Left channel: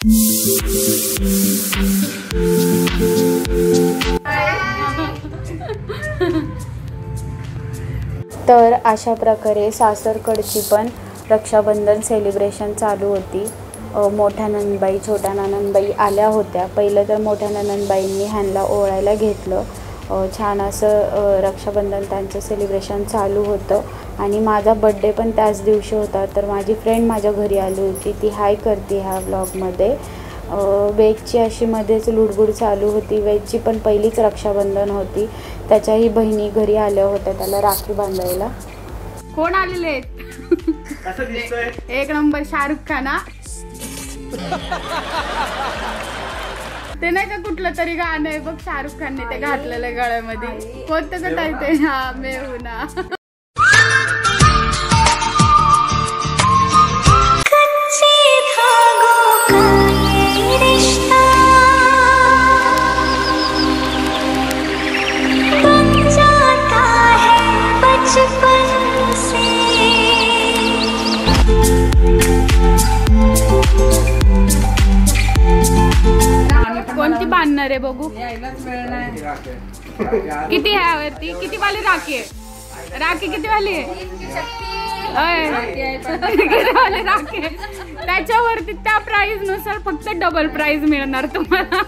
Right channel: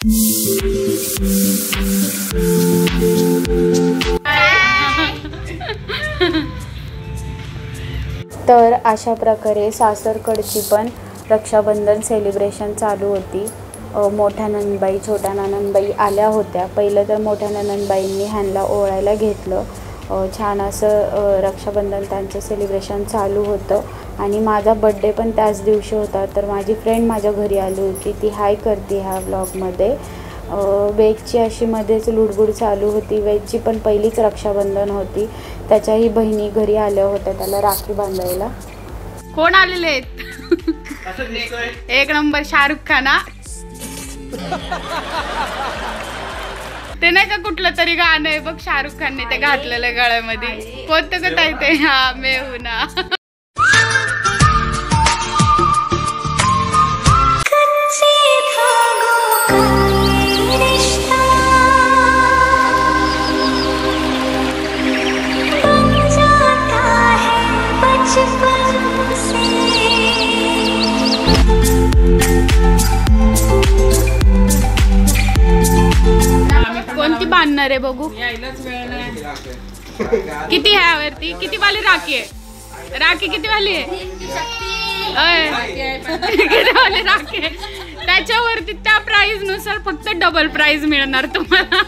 तर अशा प्रकारे सासरकडची पण रक्षाबंधन सेलिब्रेशन चालू होती। मोठ्या नंदबाई छोट्या नंदबाई आल्या होत्या। पहिलं तर मोठ्या नंदबाईंनी ह्यांना ओवाळायला घेतलं। छान असं रक्षाबंधन त्यांचं सेलिब्रेशन चालू होतं आणि माझा बर्थडे पण त्याच दिवशी होता। तर माझी फ्रेंड माझ्या घरी आली होती, ती हाय करते ह्या व्लॉगमध्ये। वेदची अशी मध्येच लुडबुड चालू होती। वेदची पण पहिलीच रक्षाबंधन होती, त्याच्याही बहिणी घरी आल्या होत्या त्याला राखी बांधायला। कोण आलेले आहेत? एक नंबर शाहरुख खान। ते नाही का कुठलं तरी गाणं आहे बघ, शाहरुख खानने ते घातलेलं गळ्यामध्ये, कोणतं का ताई ते? हा मैं हूं ना। कोणती बांधणार आहे बघू? किती आहे वरती? किती वाली राखी आहे? राखी किती वाली आहे? किती वाली राखी आहे? त्याच्यावरती त्या प्राइस नुसार फक्त डबल प्राइस मिळणार तुम्हाला।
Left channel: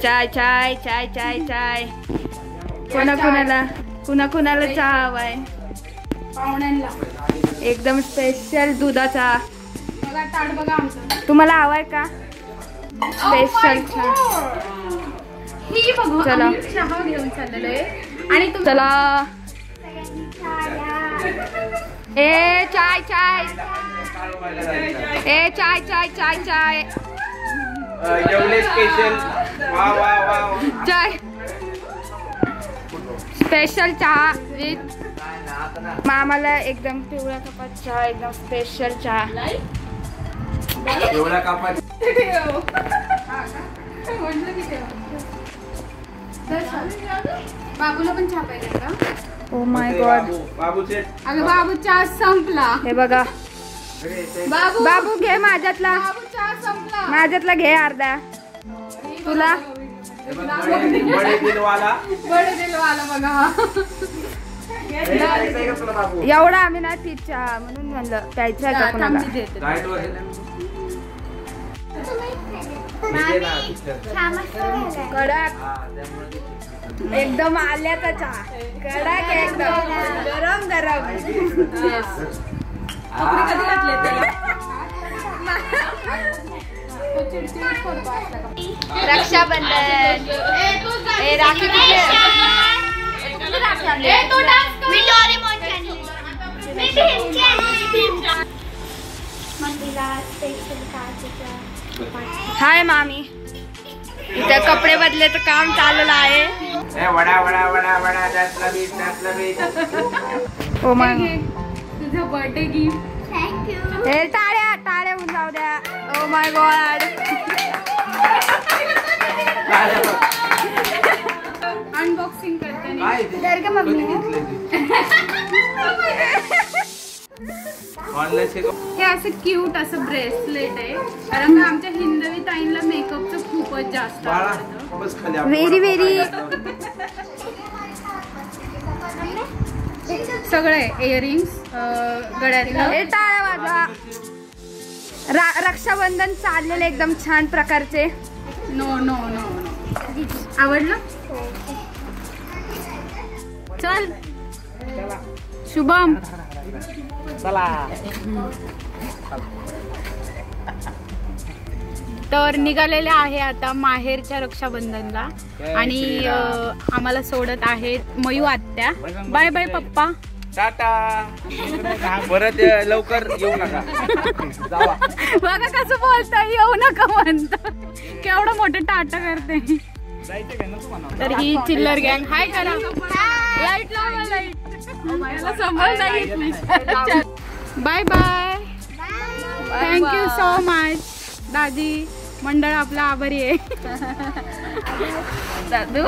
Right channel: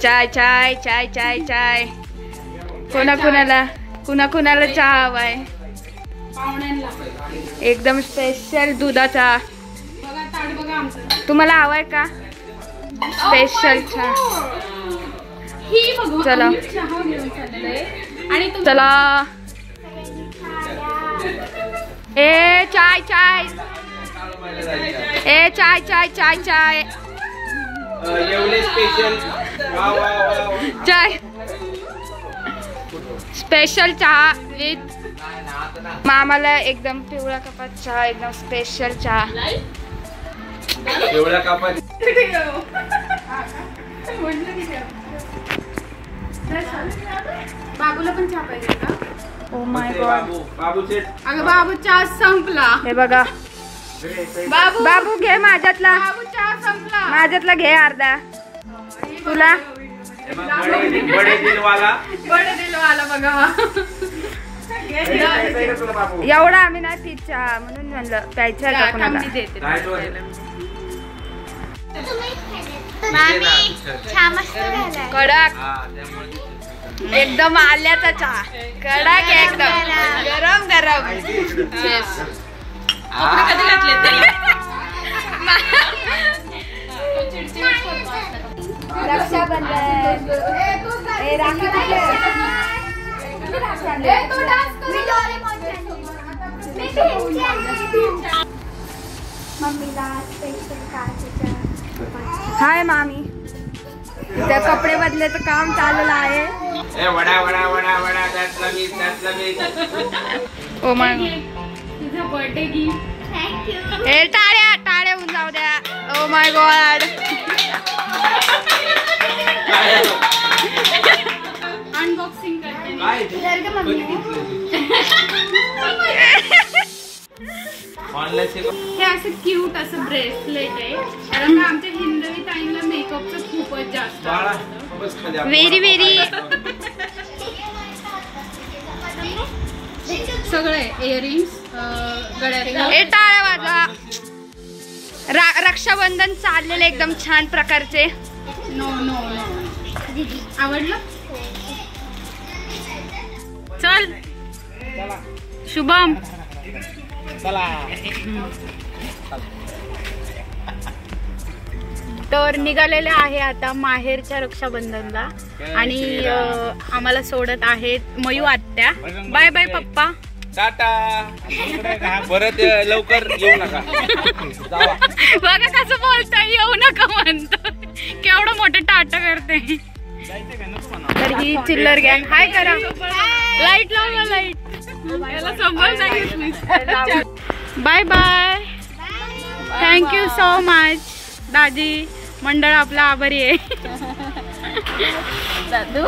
चाय चाय चाय चाय चाय कुणाला चहा हवाय? एकदम स्पेशल दुधाचा। तुम्हाला हवाय का स्पेशल चहा? चला चला। ए चाय चाय, ए चाय चाय चाय चाय चाय स्पेशल चहा विथ मामाला एकदम पिवळ्या कपात चहा, एकदम स्पेशल चहा पिवळ्या कपात। बाबूला पण चहा पाहिजे का? ओ माय गॉड, अगं बाबू चहा संपला। हे बघा बाबू घे माझ्यातला, माझ्यातला घे अर्धा तुला। बडे दिलवाला बघा, एवढा आम्ही ना ती चहा म्हणून म्हणलं प्यायचा का कोणाला? कडक एकदम आल्याचा चहा, कडक एकदम गरम गरम। रक्षाबंधन राखी हाय मामी, त्या कपडे बदलायचं काम चाललेलं आहे। ओ माय, तुझं बर्थडे गिफ्ट हे टाळ्या टाळ्या होऊन जाऊ द्या। ओ माय गॉड, अनबॉक्सिंग करते हे असं क्यूट असं ब्रेसलेट आहे, कारण आमच्या हिंदवी ताईंना मेकअपचं खूपच जास्त आवडतं। व्हेरी व्हेरी सगळे इयरिंग्स गळ्यातलं। हे टाळ्या वाजवा। रक्षाबंधन चाललेले एकदम छान प्रकारचे। नो नो नो, आवडलं? चल शुभम चला. तर निघालेले आहे आता माहेरच्या रक्षाबंधनला आणि आम्हाला सोडत आहेत मयू आत्या. बाय बाय पप्पा. टाटा. परत लवकर येऊ नका. जावा. बघा कसं बोलताय, येऊ नका म्हणतो. केवढं मोठं टाटा करते. तर ही चिल्लर गँग. हाय करा. लाईट लावा, light. Bye bye. Thank you so much दाजी. मंडळ आपला आभारी आहे. दादू.